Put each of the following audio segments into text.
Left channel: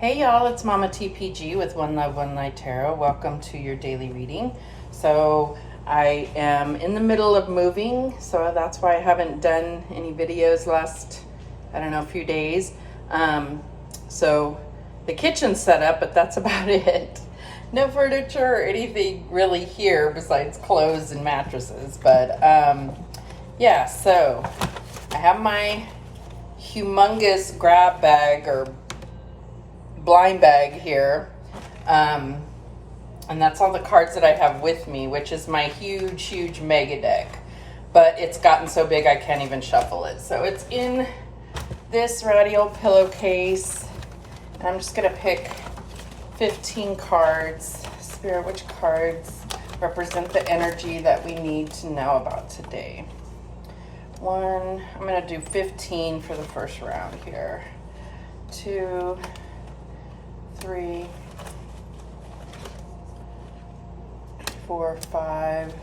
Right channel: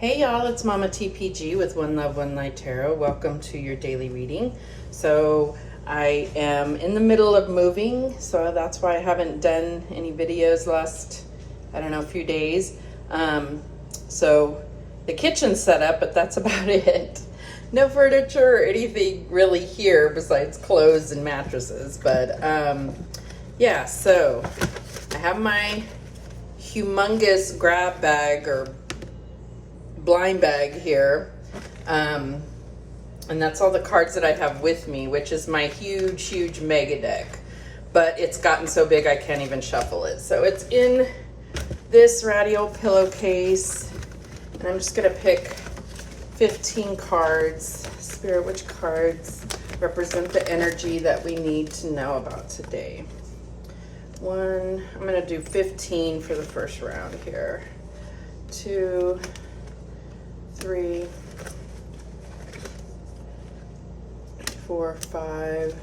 Hey y'all, it's Mama TPG with One Love, One Light Tarot. Welcome to your daily reading. So I am in the middle of moving, so that's why I haven't done any videos last, few days. So the kitchen's set up, but that's about it. No furniture or anything really here besides clothes and mattresses. But yeah, so I have my humongous grab bag or blind bag here, and that's all the cards that I have with me, which is my huge mega deck, but it's gotten so big I can't even shuffle it. So it's in this ratty old pillowcase, and I'm just gonna pick 15 cards. Spirit, which cards represent the energy that we need to know about today? I'm gonna do 15 for the first round here. 2, 3, 4, 5,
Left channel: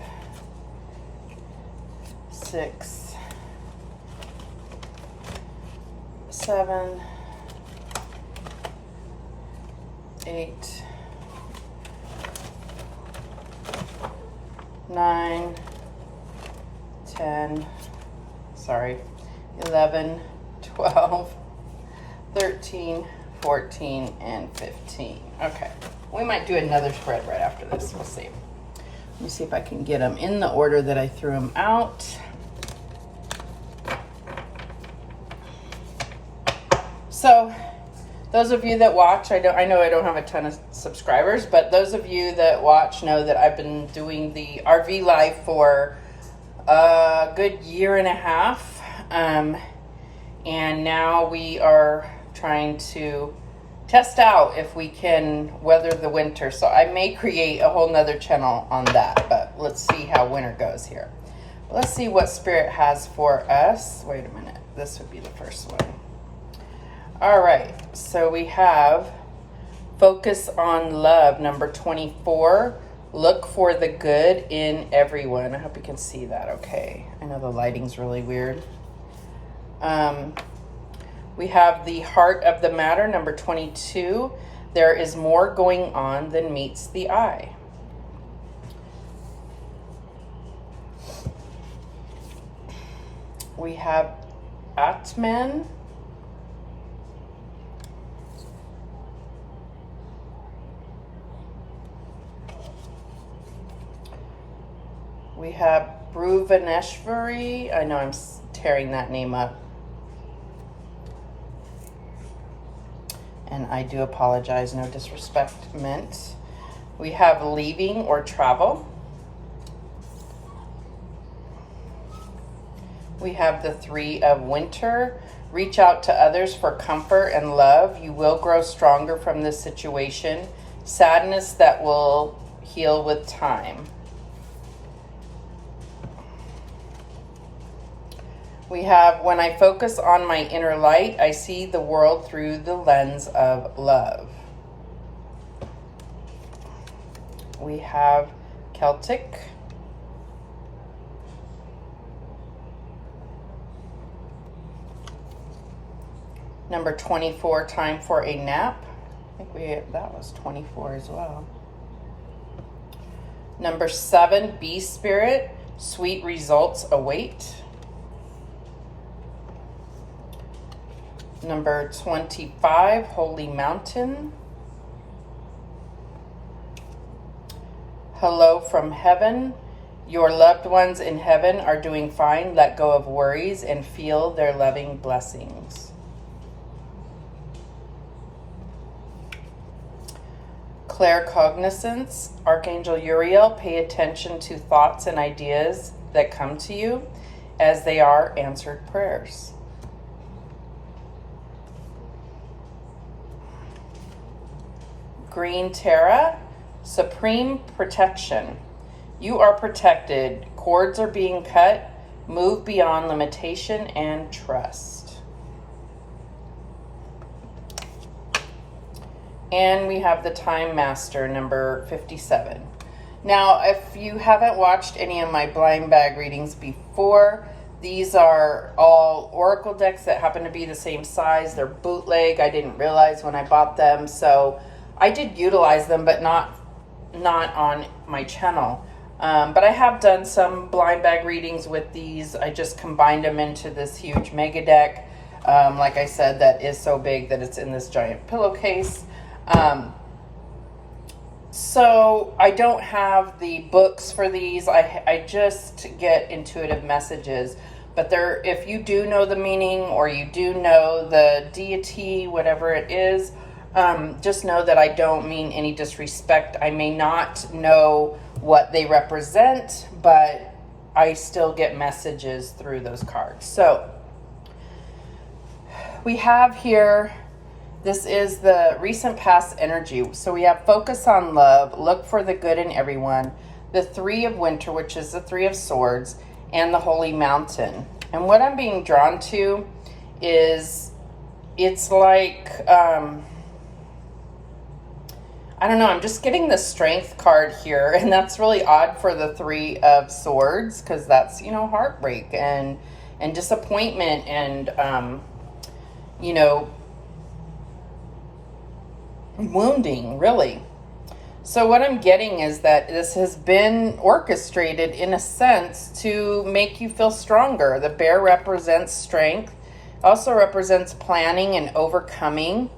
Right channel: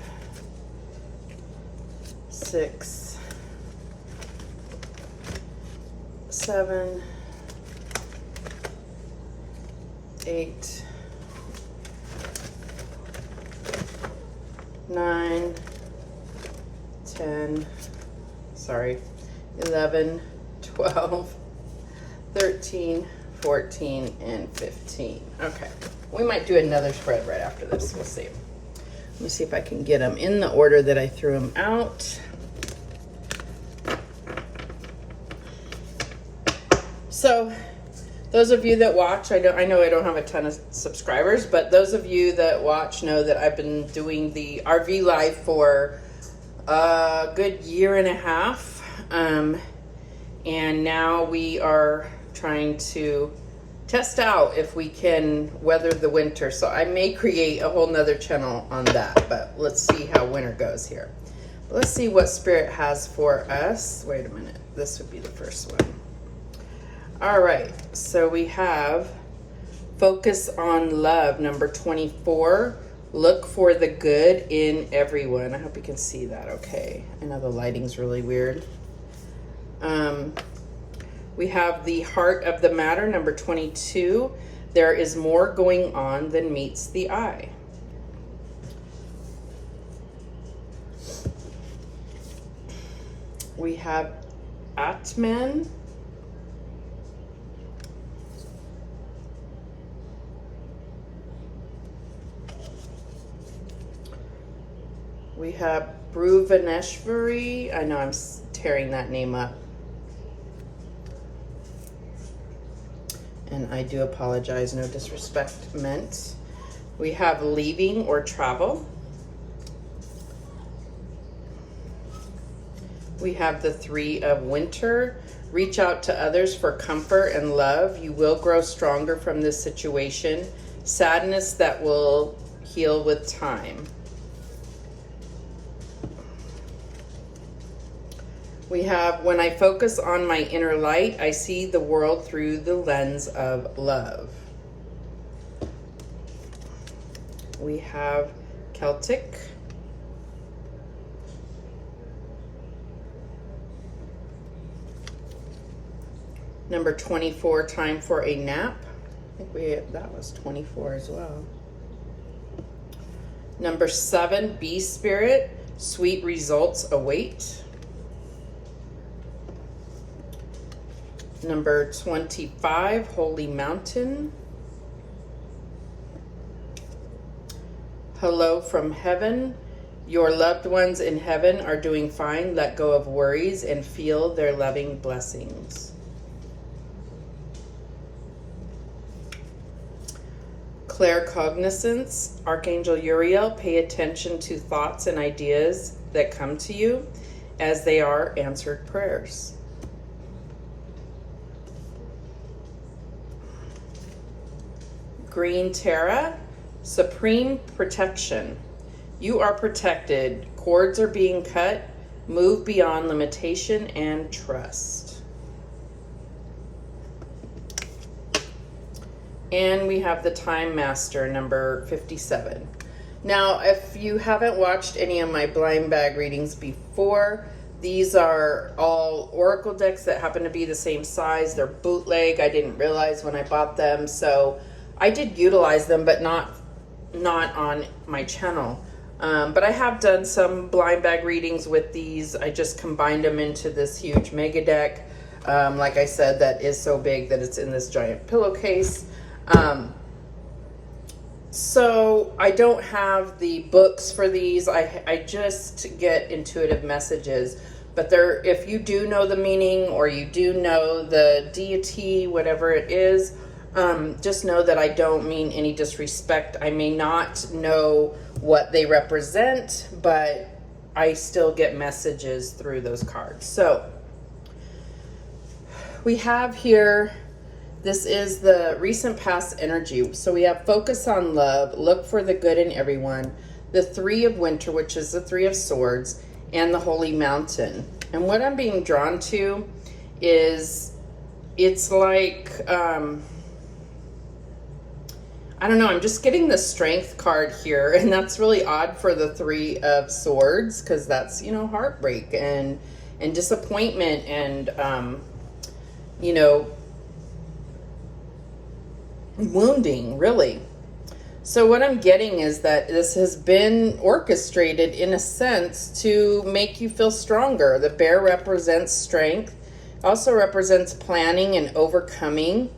6, 7, 8, 9, 10, 11, 12, 13, 14, and 15. Okay, we might do another spread right after this. We'll see. Let me see if I can get them in the order that I threw them out. So those of you that watch, I know I don't have a ton of subscribers, but those of you that watch know that I've been doing the RV life for a good year and a half, and now we are trying to test out if we can weather the winter. So I may create a whole nother channel on that, but let's see how winter goes here. Let's see what Spirit has for us. Wait a minute, this would be the first one. All right, so we have Focus on Love, number 24. Look for the good in everyone. I hope you can see that okay. I know the lighting's really weird. We have the Heart of the Matter, number 22. There is more going on than meets the eye. We have Atman. We have Bhuvaneshwari. I know I'm tearing that name up. And I do apologize, no disrespect meant. We have Leaving or Travel. We have the Three of Winter. Reach out to others for comfort and love. You will grow stronger from this situation. Sadness that will heal with time. We have When I Focus on My Inner Light, I See the World Through the Lens of Love. We have Celtic. Number 24, Time for a Nap. I think that was 24 as well. Number 7, Bee Spirit, Sweet Results Await. Number 25, Holy Mountain. Hello from Heaven. Your loved ones in heaven are doing fine. Let go of worries and feel their loving blessings. Claircognizance, Archangel Uriel. Pay attention to thoughts and ideas that come to you as they are answered prayers. Green Terra, Supreme Protection. You are protected. Cords are being cut. Move beyond limitation and trust. And we have the Time Master, number 57. Now, if you haven't watched any of my blind bag readings before, These are all oracle decks that happen to be the same size. They're bootleg. I didn't realize when I bought them, so I did utilize them, but not on my channel. But I have done some blind bag readings with these. I just combined them into this huge mega deck. Like I said, that is so big that it's in this giant pillowcase. So I don't have the books for these. I just get intuitive messages. But there, if you do know the meaning, or you do know the deity, whatever it is, just know that I don't mean any disrespect. I may not know what they represent, but I still get messages through those cards. So we have here, this is the recent past energy. So we have focus on love, look for the good in everyone, the Three of Winter, which is the Three of Swords, and the Holy Mountain. And what I'm being drawn to is, it's like, I don't know, I'm just getting the Strength card here, and that's really odd for the Three of Swords, because that's, you know, heartbreak and disappointment and, you know, wounding, really. So what I'm getting is that this has been orchestrated in a sense to make you feel stronger. The bear represents strength, also represents planning and overcoming.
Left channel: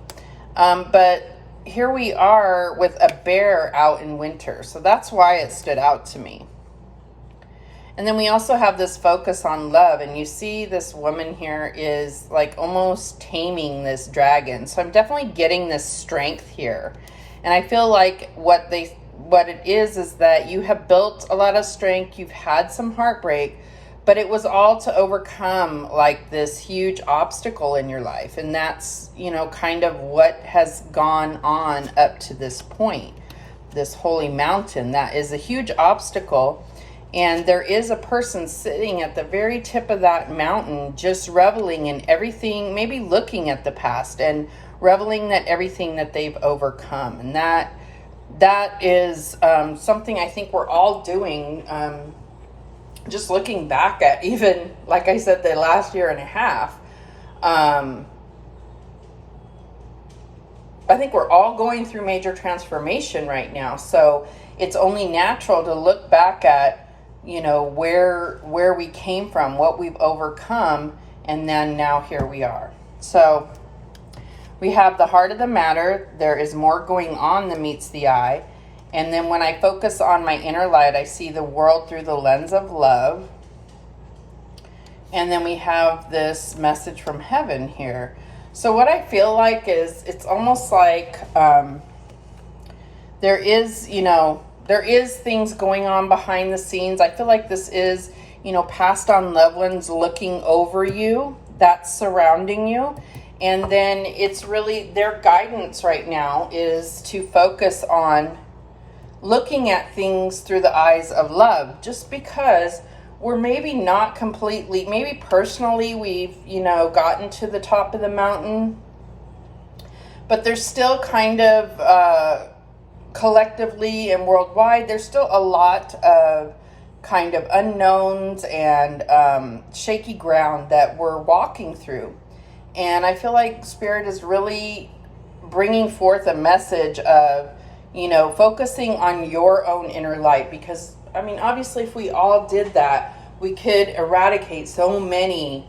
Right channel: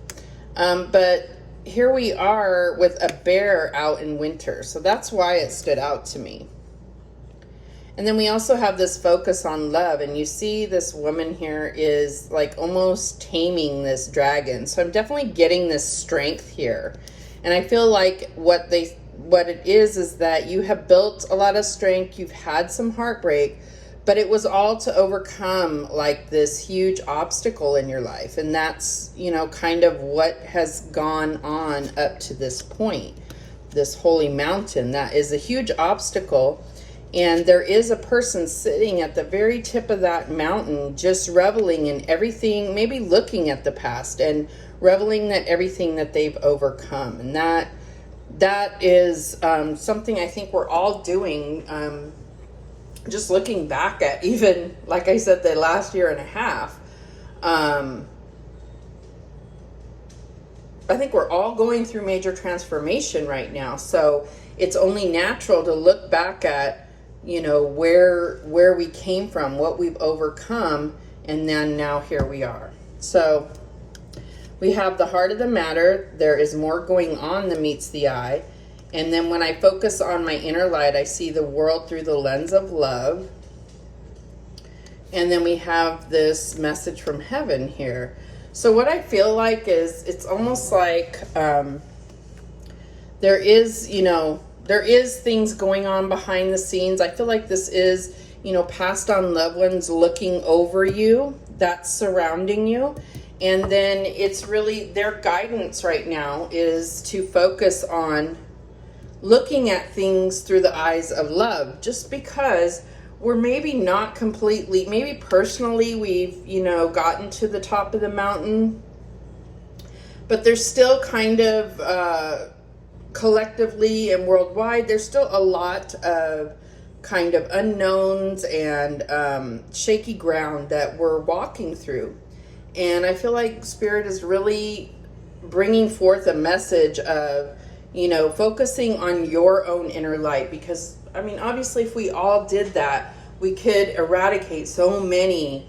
But here we are with a bear out in winter. So that's why it stood out to me. And then we also have this focus on love. And you see this woman here is like almost taming this dragon. So I'm definitely getting this strength here. And I feel like what it is that you have built a lot of strength. You've had some heartbreak, but it was all to overcome like this huge obstacle in your life. And that's, you know, kind of what has gone on up to this point. This holy mountain, that is a huge obstacle. And there is a person sitting at the very tip of that mountain, just reveling in everything, maybe looking at the past and reveling at everything that they've overcome. And that is something I think we're all doing, just looking back at, even, like I said, the last year and a half. I think we're all going through major transformation right now. So it's only natural to look back at, you know, where we came from, what we've overcome, and then now here we are. So we have the heart of the matter. There is more going on than meets the eye. And then when I focus on my inner light, I see the world through the lens of love. And then we have this message from heaven here. So what I feel like is, it's almost like there is things going on behind the scenes. I feel like this is, you know, passed on loved ones looking over you, that's surrounding you. And then it's really their guidance right now is to focus on looking at things through the eyes of love, just because we're maybe not completely, maybe personally we've, you know, gotten to the top of the mountain, but there's still kind of collectively and worldwide, there's still a lot of kind of unknowns and shaky ground that we're walking through. And I feel like Spirit is really bringing forth a message of, you know, focusing on your own inner light. Because, I mean, obviously, if we all did that, we could eradicate so many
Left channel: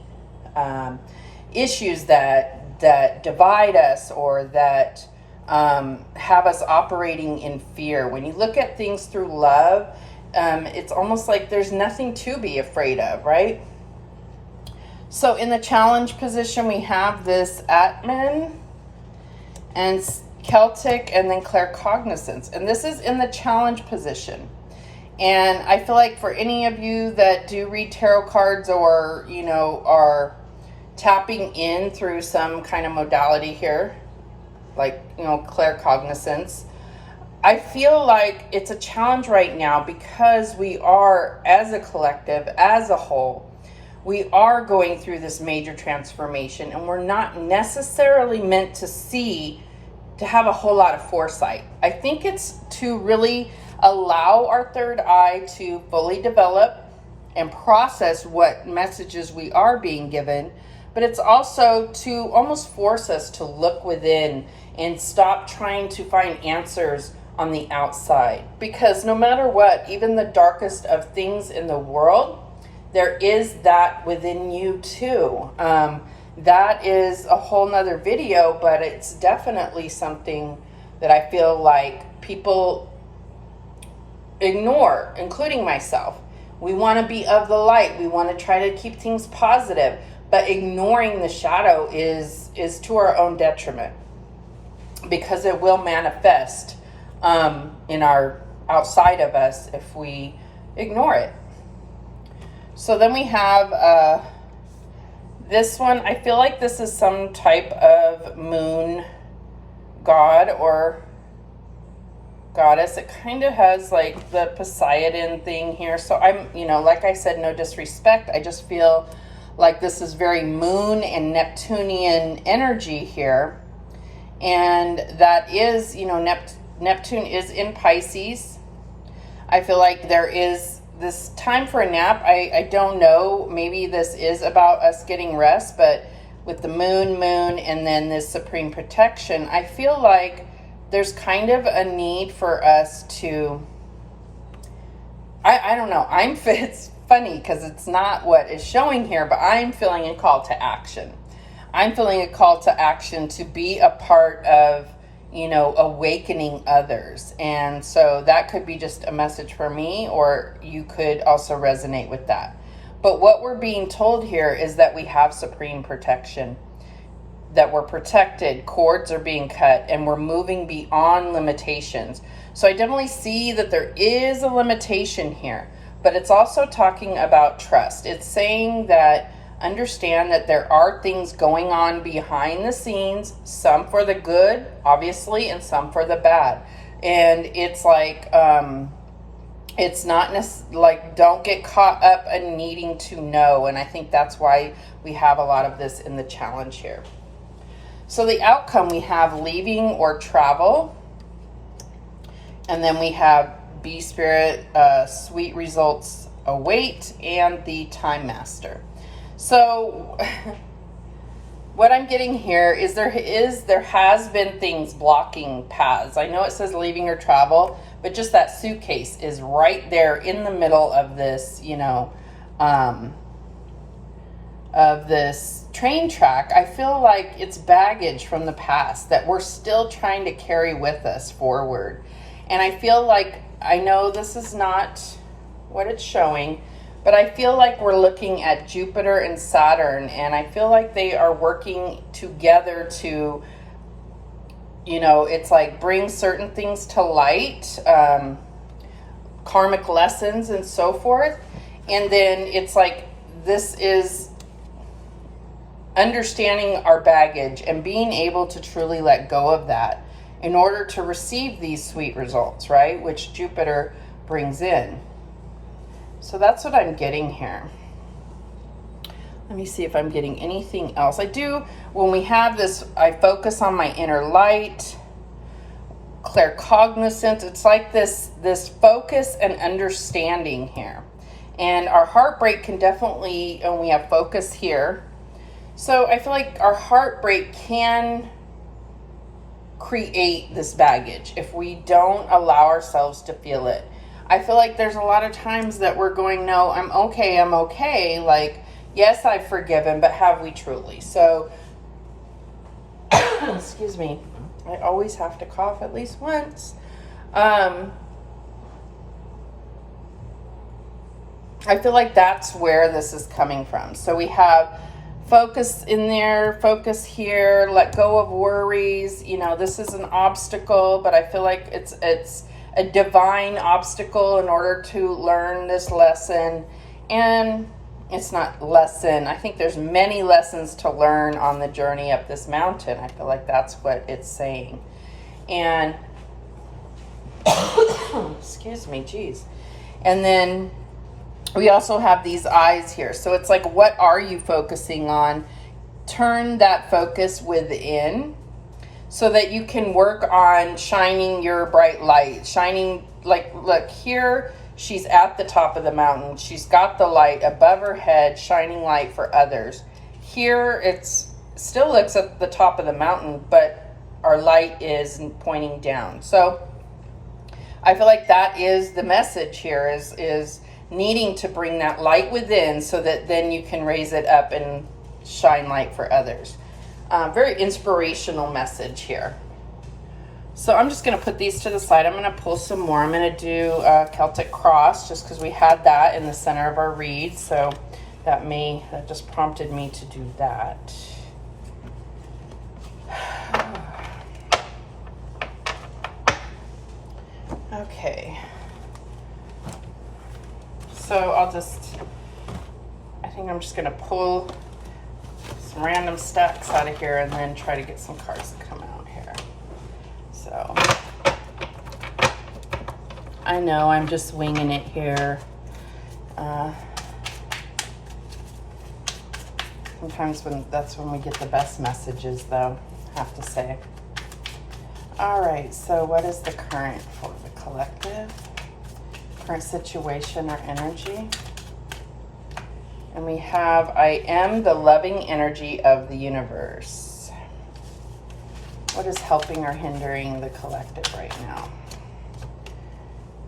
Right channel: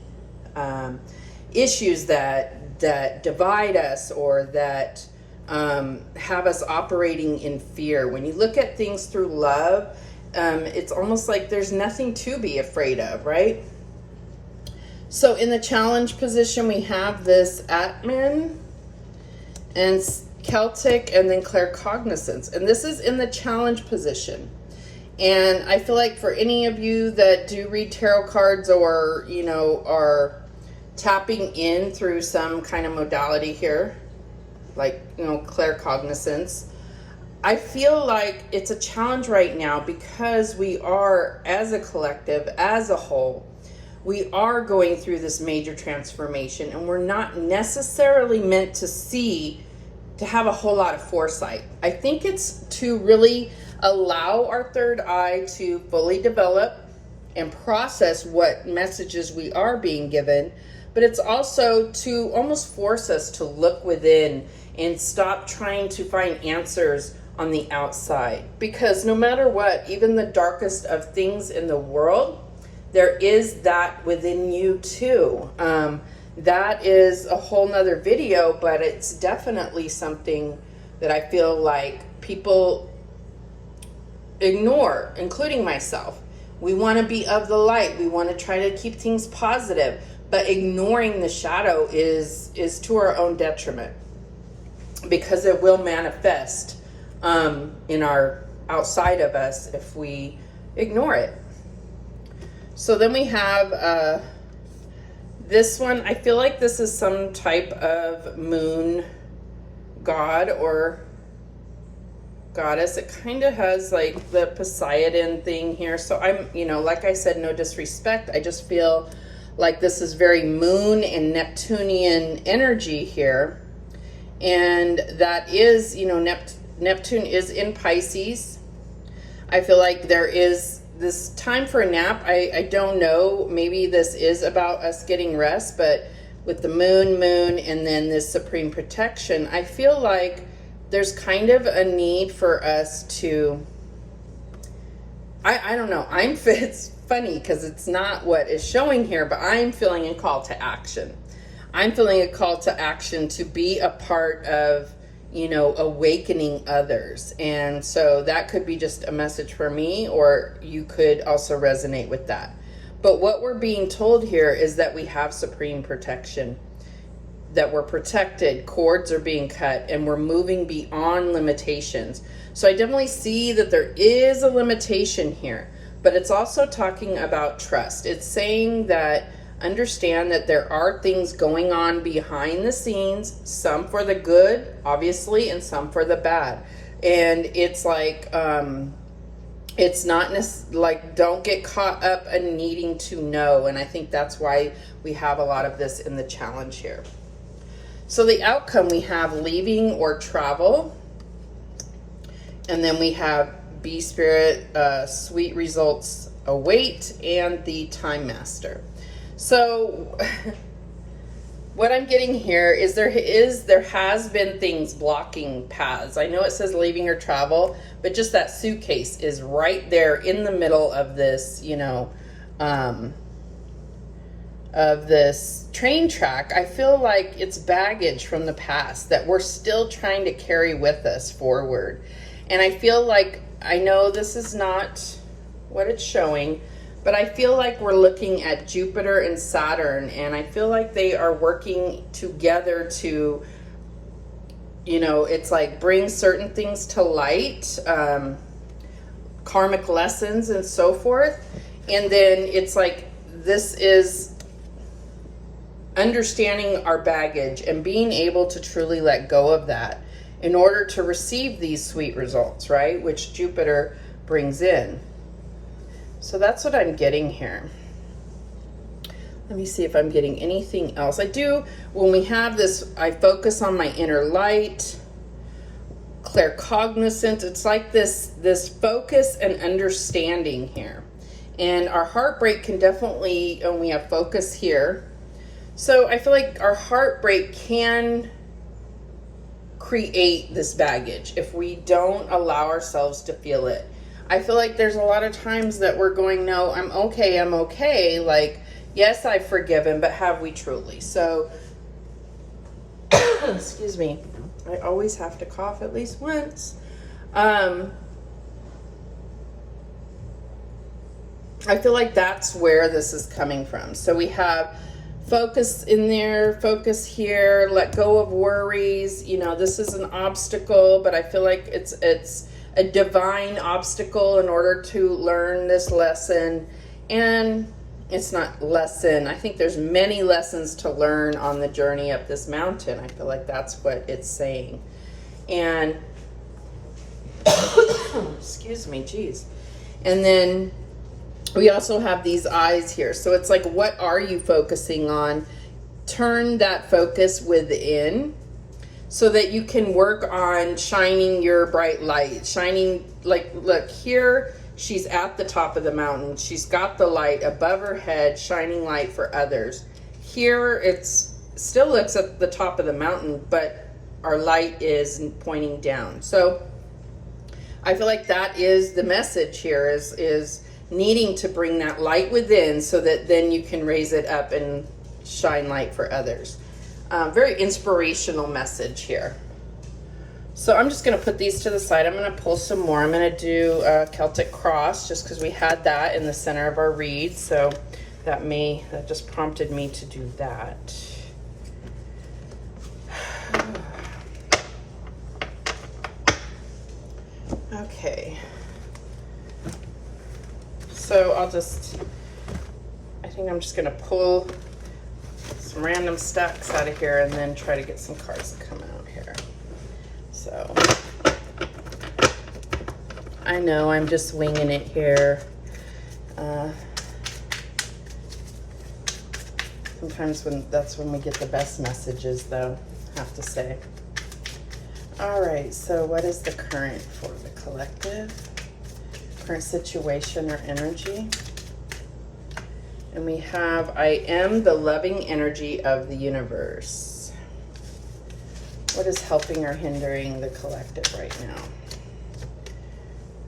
issues that divide us, or that have us operating in fear. When you look at things through love, it's almost like there's nothing to be afraid of, right? So in the challenge position, we have this Atman and Celtic and then claircognizance. And this is in the challenge position. And I feel like for any of you that do read tarot cards, or, you know, are tapping in through some kind of modality here, like, you know, claircognizance, I feel like it's a challenge right now, because we are, as a collective, as a whole, we are going through this major transformation, and we're not necessarily meant to have a whole lot of foresight. I think it's to really allow our third eye to fully develop, and process what messages we are being given, but it's also to almost force us to look within and stop trying to find answers on the outside. Because no matter what, even the darkest of things in the world, there is that within you too. That is a whole nother video, but it's definitely something that I feel like people ignore, including myself. We want to be of the light. We want to try to keep things positive, but ignoring the shadow is to our own detriment, because it will manifest in our outside of us if we ignore it. So then we have this one. I feel like this is some type of moon god or goddess. It kind of has like the Poseidon thing here. So I'm, like I said, no disrespect. I just feel like this is very moon and Neptunian energy here. And that is, Neptune is in Pisces. I feel like there is this time for a nap. I don't know. Maybe this is about us getting rest, but with the moon, and then this supreme protection, I feel like there's kind of a need for us to, I don't know. It's funny because it's not what is showing here, but I'm feeling a call to action. I'm feeling a call to action to be a part of, awakening others. And so that could be just a message for me, or you could also resonate with that. But what we're being told here is that we have supreme protection, that we're protected, cords are being cut, and we're moving beyond limitations. So I definitely see that there is a limitation here, but it's also talking about trust. It's saying that understand that there are things going on behind the scenes, some for the good, obviously, and some for the bad. And it's like, it's not like, don't get caught up in needing to know. And I think that's why we have a lot of this in the challenge here. So the outcome, we have leaving or travel. And then we have Bee Spirit, sweet results await, and the Time Master. So what I'm getting here is there has been things blocking paths. I know it says leaving or travel, but just that suitcase is right there in the middle of this, of this train track. I feel like it's baggage from the past that we're still trying to carry with us forward. And I feel like, I know this is not what it's showing, but I feel like we're looking at Jupiter and Saturn, and I feel like they are working together to, it's like bring certain things to light, karmic lessons and so forth. And then it's like, this is understanding our baggage and being able to truly let go of that in order to receive these sweet results, right? Which Jupiter brings in. So that's what I'm getting here. Let me see if I'm getting anything else. I do, when we have this, I focus on my inner light, claircognizant. It's like this focus and understanding here. And our heartbreak can definitely, and we have focus here. So I feel like our heartbreak can create this baggage if we don't allow ourselves to feel it. I feel like there's a lot of times that we're going, no, I'm okay. Like, yes, I've forgiven, but have we truly? So, excuse me, I always have to cough at least once. I feel like that's where this is coming from. So we have focus in there, focus here, let go of worries. This is an obstacle, but I feel like it's a divine obstacle in order to learn this lesson. And it's not lesson. I think there's many lessons to learn on the journey up this mountain. I feel like that's what it's saying. And excuse me, geez. And then we also have these eyes here. So it's like, what are you focusing on? Turn that focus within, so that you can work on shining your bright light, shining, like, look here, she's at the top of the mountain. She's got the light above her head, shining light for others. Here, it's still looks at the top of the mountain, but our light is pointing down. So I feel like that is the message here, is needing to bring that light within so that then you can raise it up and shine light for others. Very inspirational message here. So I'm just going to put these to the side. I'm going to pull some more. I'm going to do Celtic Cross just because we had that in the center of our read. So that just prompted me to do that. Okay. So I think I'm just going to pull some random stacks out of here and then try to get some cards to come out here. So I know I'm just winging it here. Sometimes that's when we get the best messages, though, I have to say. All right, so what is the current for the collective? Current situation or energy? And we have, I am the loving energy of the universe. What is helping or hindering the collective right now?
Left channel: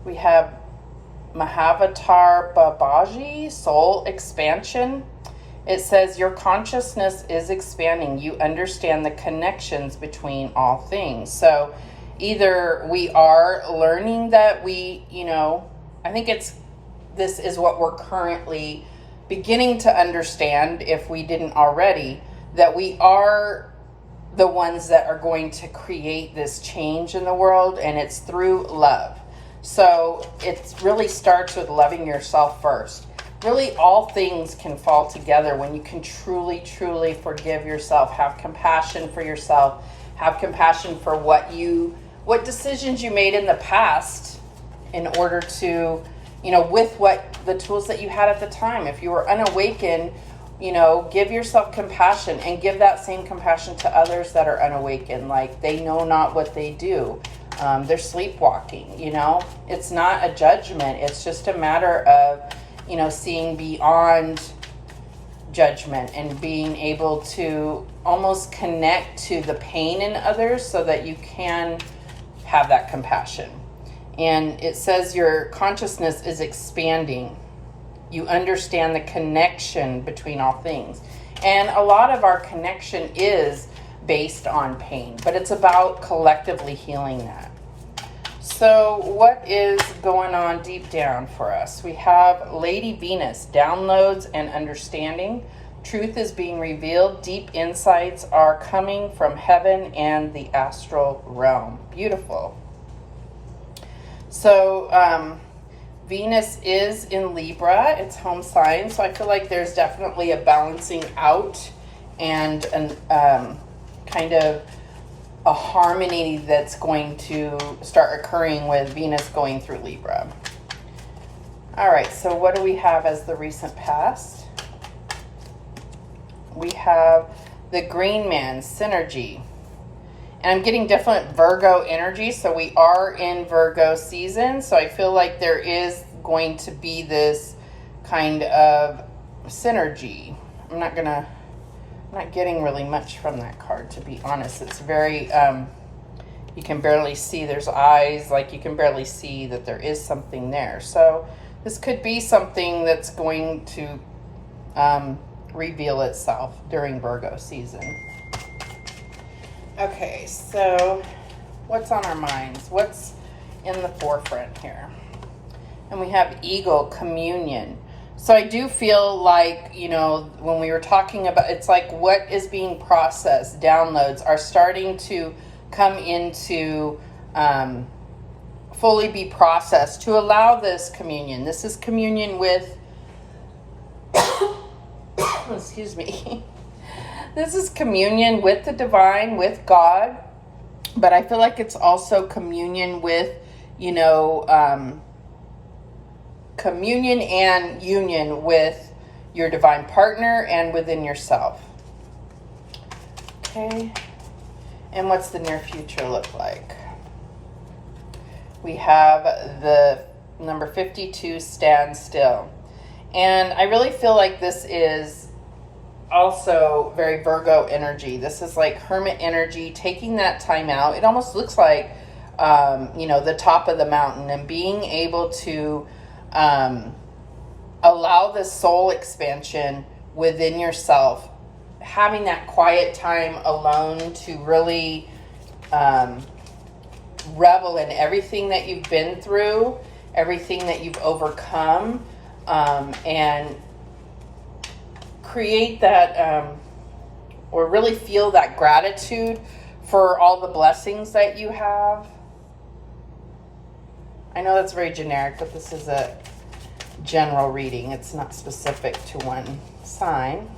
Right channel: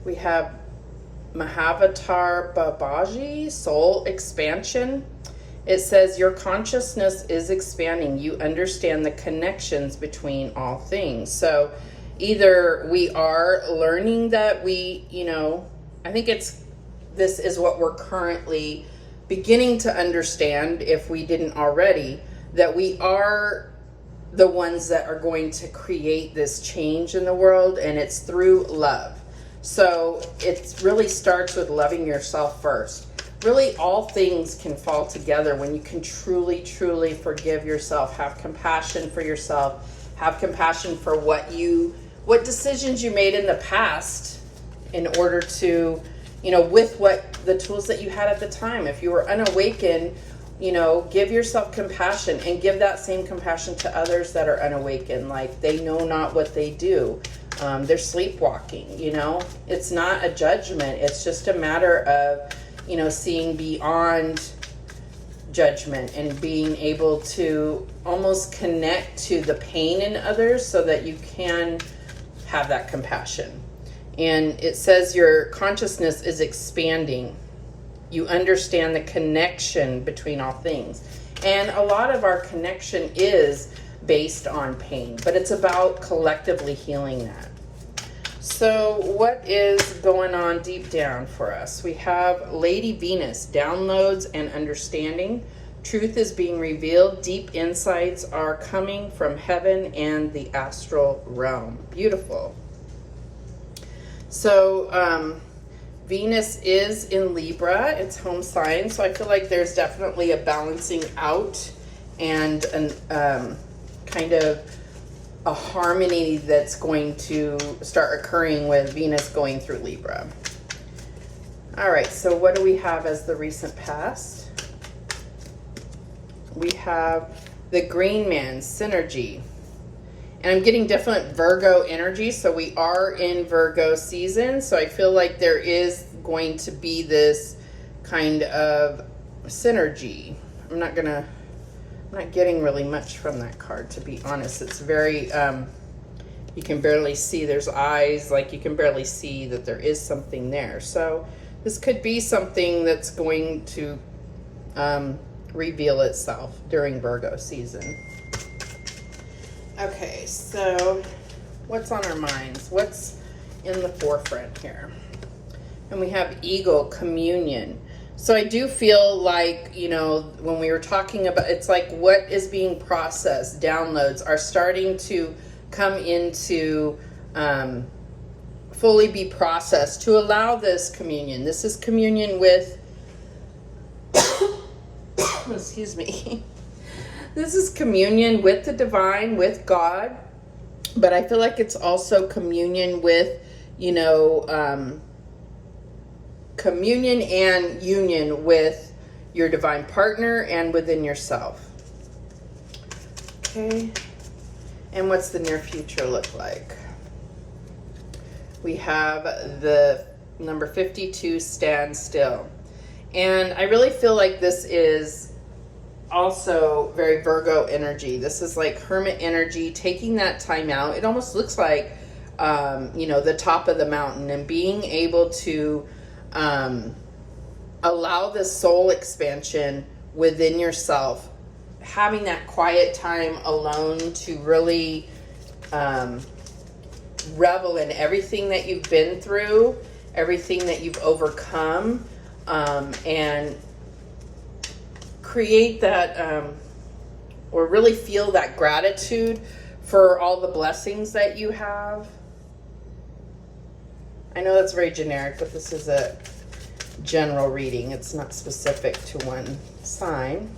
We have Mahavatar Babaji, soul expansion. It says your consciousness is expanding. You understand the connections between all things. So either we are learning that I think this is what we're currently beginning to understand, if we didn't already, that we are the ones that are going to create this change in the world, and it's through love. So it really starts with loving yourself first. Really, all things can fall together when you can truly, truly forgive yourself, have compassion for yourself, have compassion for what decisions you made in the past in order to, with the tools that you had at the time. If you were unawakened, give yourself compassion and give that same compassion to others that are unawakened. Like, they know not what they do. They're sleepwalking, It's not a judgment. It's just a matter of, seeing beyond judgment and being able to almost connect to the pain in others so that you can have that compassion. And it says your consciousness is expanding. You understand the connection between all things. And a lot of our connection is based on pain, but it's about collectively healing that. So what is going on deep down for us? We have Lady Venus, downloads and understanding. Truth is being revealed. Deep insights are coming from heaven and the astral realm. Beautiful. So Venus is in Libra, it's home sign. So I feel like there's definitely a balancing out and kind of a harmony that's going to start occurring with Venus going through Libra. All right, so what do we have as the recent past? We have the Green Man, synergy. And I'm getting different Virgo energy, so we are in Virgo season. So I feel like there is going to be this kind of synergy. I'm not getting really much from that card, to be honest. It's very, you can barely see, there's eyes, like you can barely see that there is something there. So this could be something that's going to reveal itself during Virgo season. Okay, so what's on our minds? What's in the forefront here? And we have Eagle, communion. So I do feel like, when we were talking about, it's like what is being processed, downloads are starting to come into fully be processed to allow this communion. This is communion with, excuse me. This is communion with the divine, with God. But I feel like it's also communion with, communion and union with your divine partner and within yourself. Okay. And what's the near future look like? We have the number 52, stand still. And I really feel like this is also very Virgo energy. This is like hermit energy, taking that time out. It almost looks like, the top of the mountain, and being able to allow this soul expansion within yourself, having that quiet time alone to really revel in everything that you've been through, everything that you've overcome, and create that, or really feel that gratitude for all the blessings that you have. I know that's very generic, but this is a general reading. It's not specific to one sign.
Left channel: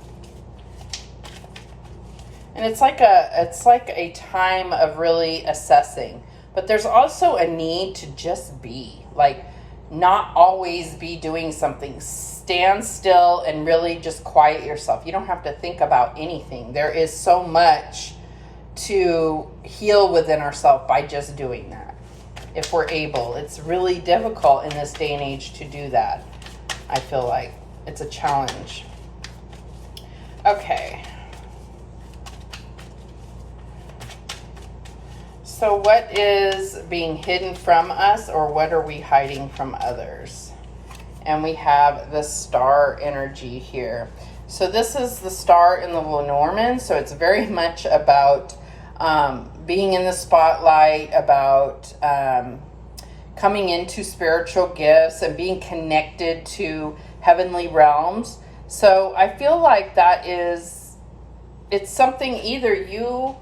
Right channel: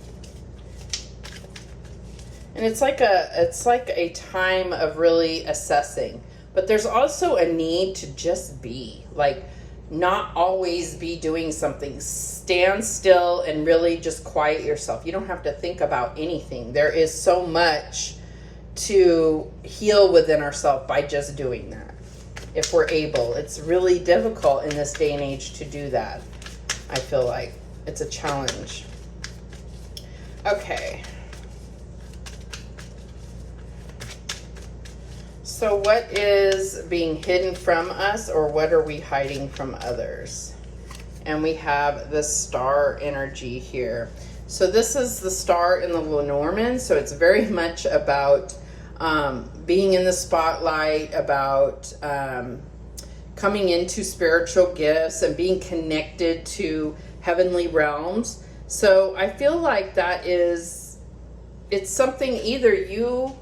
And it's like a time of really assessing. But there's also a need to just be, like, not always be doing something. Stand still and really just quiet yourself. You don't have to think about anything. There is so much to heal within ourselves by just doing that, if we're able. It's really difficult in this day and age to do that. I feel like it's a challenge. Okay. So what is being hidden from us, or what are we hiding from others? And we have the star energy here. So this is the star in the Lenormand. So it's very much about being in the spotlight, about coming into spiritual gifts and being connected to heavenly realms. So I feel like it's something either you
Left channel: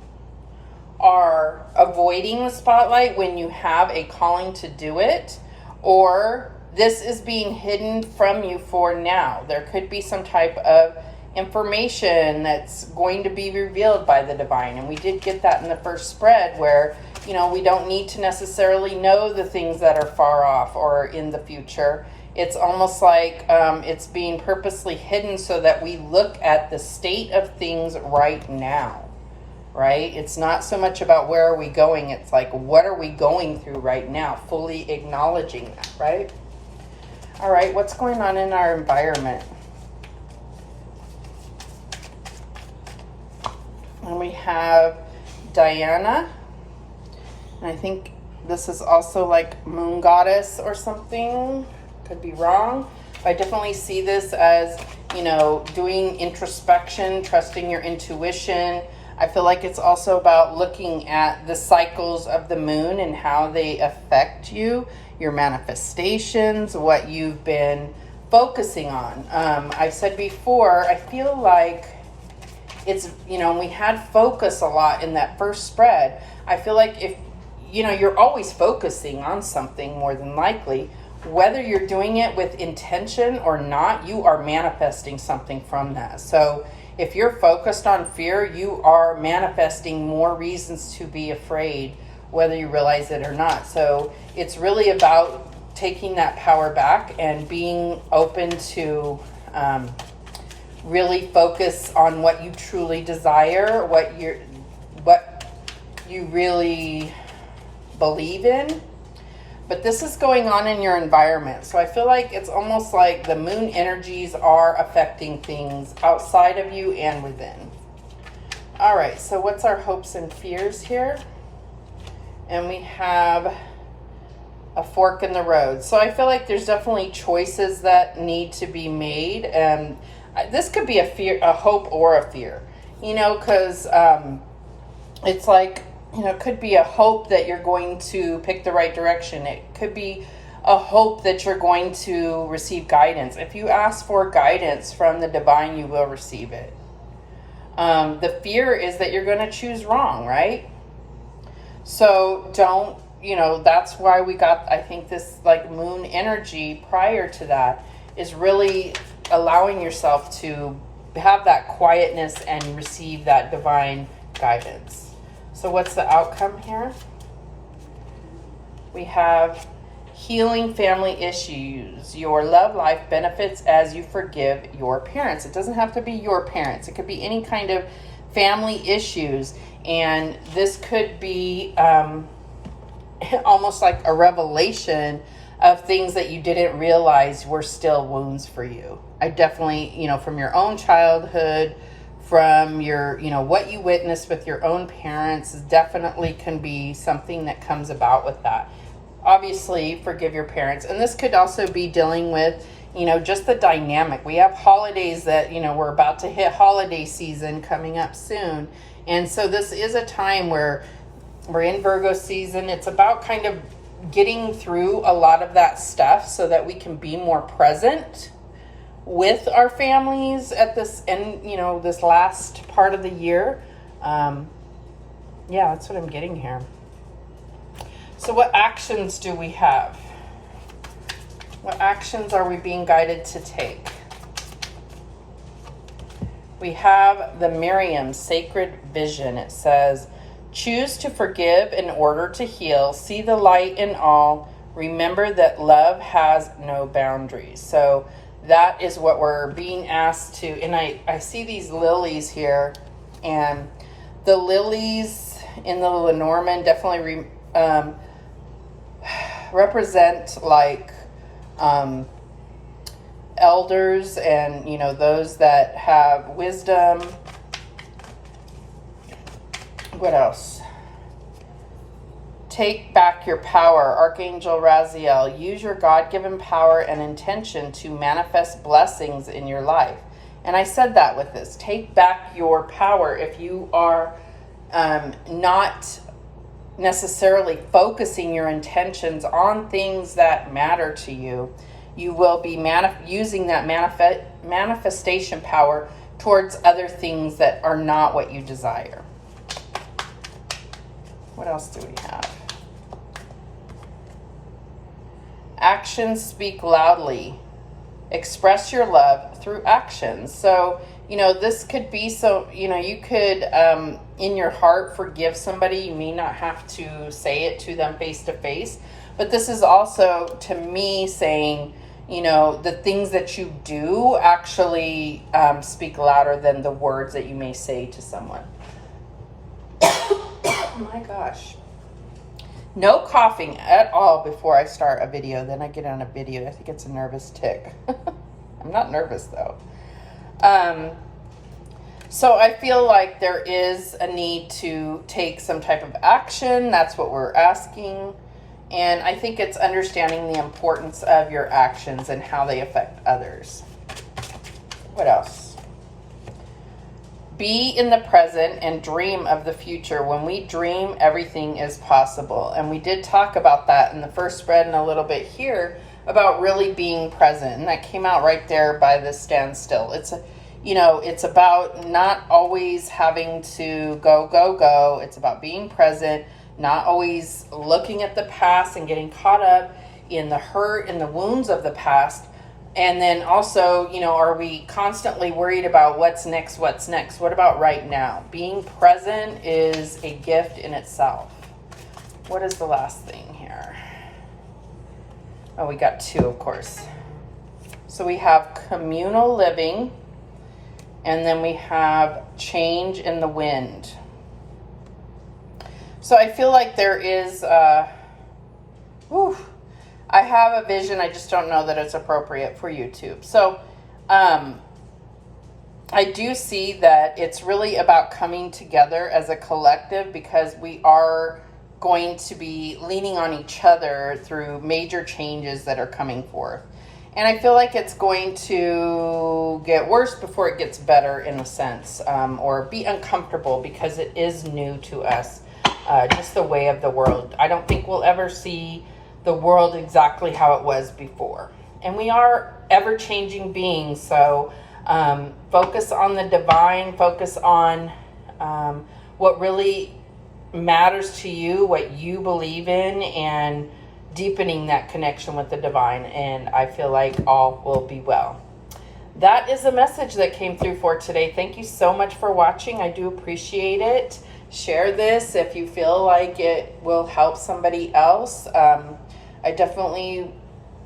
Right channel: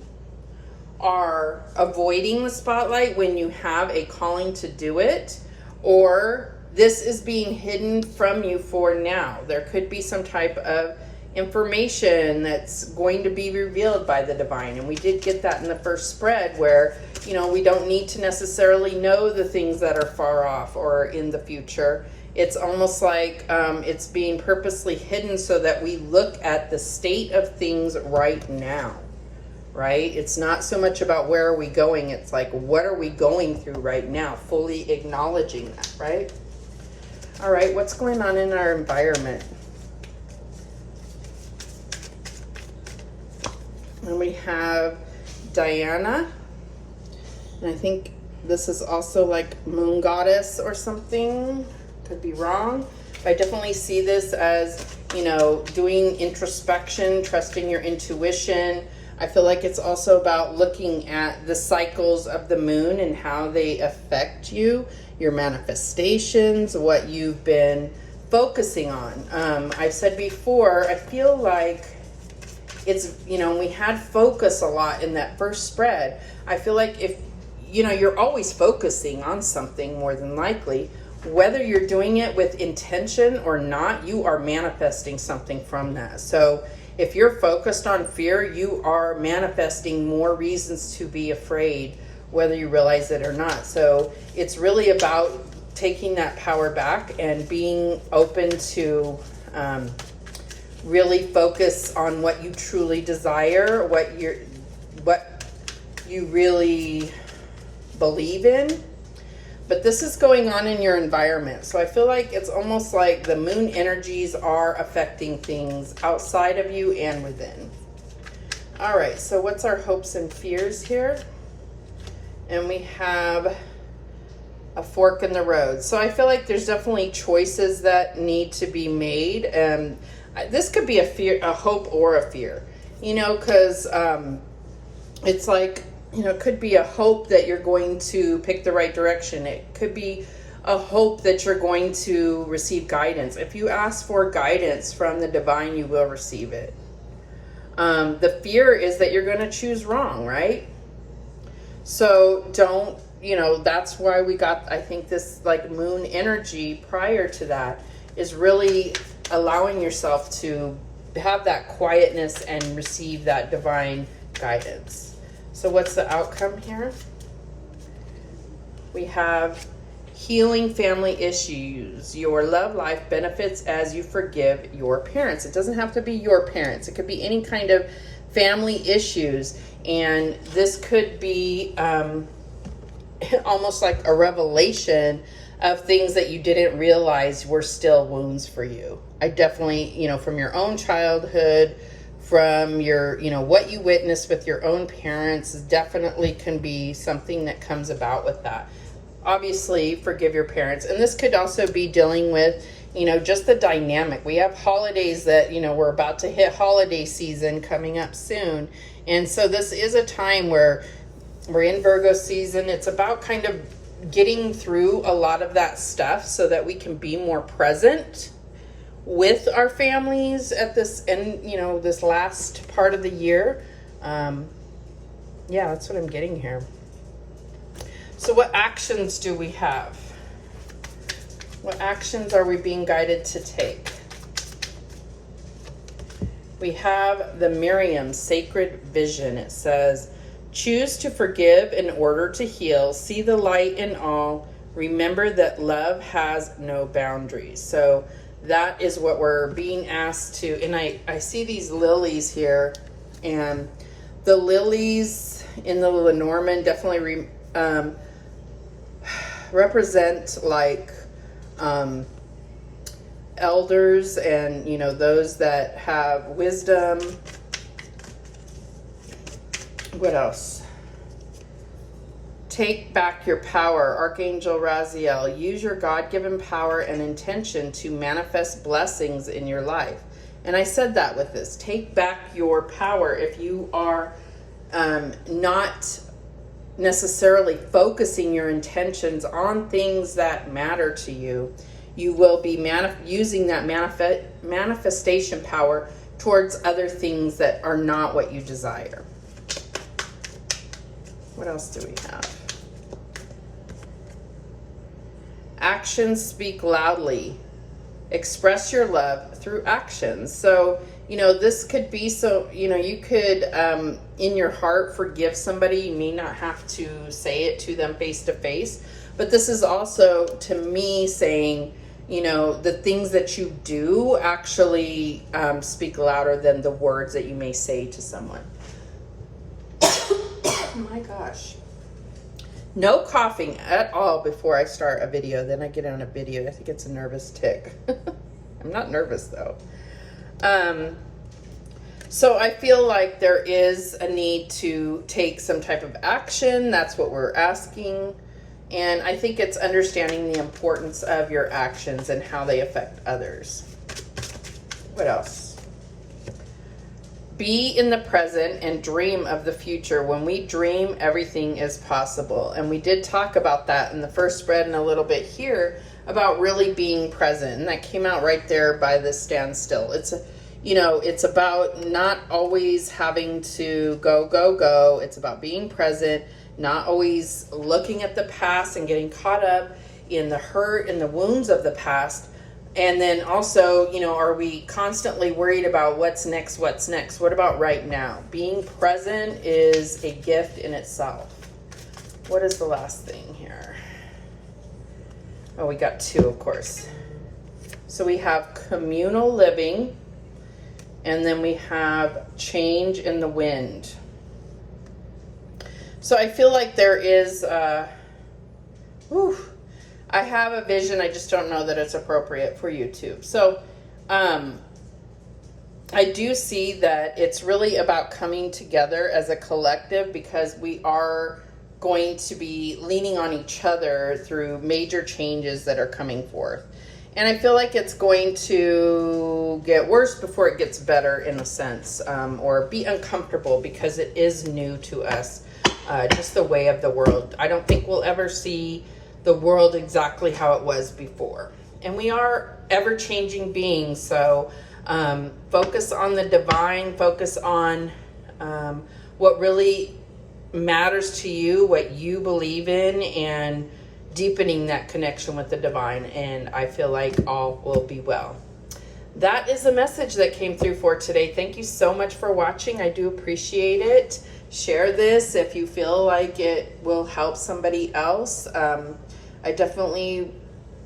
are avoiding the spotlight when you have a calling to do it, or this is being hidden from you for now. There could be some type of information that's going to be revealed by the divine. And we did get that in the first spread, where, we don't need to necessarily know the things that are far off or in the future. It's almost like it's being purposely hidden so that we look at the state of things right now, right? It's not so much about where are we going. It's like, what are we going through right now? Fully acknowledging that, right? All right, what's going on in our environment? And we have Diana. And I think this is also like moon goddess or something. Could be wrong. I definitely see this as, doing introspection, trusting your intuition. I feel like it's also about looking at the cycles of the moon and how they affect you, your manifestations, what you've been focusing on. I've said before, I feel like it's, we had focus a lot in that first spread. I feel like if, you're always focusing on something, more than likely, whether you're doing it with intention or not, you are manifesting something from that. So if you're focused on fear, you are manifesting more reasons to be afraid, whether you realize it or not. So it's really about taking that power back and being open to really focus on what you truly desire, what you really believe in. But this is going on in your environment. So I feel like it's almost like the moon energies are affecting things outside of you and within. All right, so what's our hopes and fears here? And we have a fork in the road. So I feel like there's definitely choices that need to be made. This could be a fear, a hope, or a fear, because it's like, it could be a hope that you're going to pick the right direction. It could be a hope that you're going to receive guidance. If you ask for guidance from the divine, you will receive it. The fear is that you're going to choose wrong, right? So don't, that's why we got, I think, this like moon energy prior to that is really allowing yourself to have that quietness and receive that divine guidance. So what's the outcome here? We have healing family issues. Your love life benefits as you forgive your parents. It doesn't have to be your parents. It could be any kind of family issues. And this could be almost like a revelation of things that you didn't realize were still wounds for you. I definitely, from your own childhood, from your, what you witnessed with your own parents, definitely can be something that comes about with that. Obviously, forgive your parents. And this could also be dealing with, just the dynamic. We have holidays that, we're about to hit holiday season coming up soon. And so this is a time where we're in Virgo season. It's about kind of getting through a lot of that stuff so that we can be more present with our families at this end, this last part of the year. Yeah, that's what I'm getting here. So what actions do we have? What actions are we being guided to take? We have the Miriam Sacred Vision. It says, choose to forgive in order to heal. See the light in all. Remember that love has no boundaries. So that is what we're being asked to. And I see these lilies here. And the lilies in the Lenormand definitely represent like elders and, those that have wisdom. What else? Take back your power. Archangel Raziel, use your God-given power and intention to manifest blessings in your life. And I said that with this. Take back your power. If you are not necessarily focusing your intentions on things that matter to you, you will be using that manifestation power towards other things that are not what you desire. What else do we have? Actions speak loudly. Express your love through actions. So, this could be you could, in your heart, forgive somebody. You may not have to say it to them face to face. But this is also, to me, saying, the things that you do actually speak louder than the words that you may say to someone. Oh my gosh. No coughing at all before I start a video. Then I get on a video. I think it's a nervous tick. I'm not nervous though. So I feel like there is a need to take some type of action. That's what we're asking. And I think it's understanding the importance of your actions and how they affect others. What else? Be in the present and dream of the future. When we dream, everything is possible. And we did talk about that in the first spread and a little bit here about really being present. And that came out right there by this standstill. It's about not always having to go. It's about being present, not always looking at the past and getting caught up in the hurt and the wounds of the past. And then also, are we constantly worried about what's next? What about right now? Being present is a gift in itself. What is the last thing here? Oh, we got two, of course. So we have communal living, and then we have change in the wind. So I feel like there is, I have a vision. I just don't know that it's appropriate for YouTube. So I do see that it's really about coming together as a collective, because we are going to be leaning on each other through major changes that are coming forth. And I feel like it's going to get worse before it gets better, in a sense, or be uncomfortable because it is new to us, just the way of the world. I don't think we'll ever see the world exactly how it was before. And we are ever-changing beings, so focus on the divine, focus on what really matters to you, what you believe in, and deepening that connection with the divine, and I feel like all will be well. That is a message that came through for today. Thank you so much for watching. I do appreciate it. Share this if you feel like it will help somebody else. I definitely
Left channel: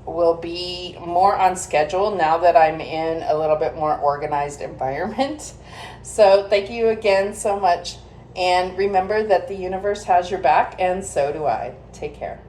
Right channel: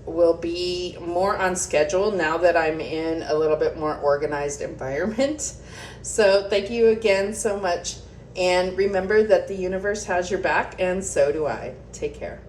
will be more on schedule now that I'm in a little bit more organized environment. So thank you again so much. And remember that the universe has your back, and so do I. Take care.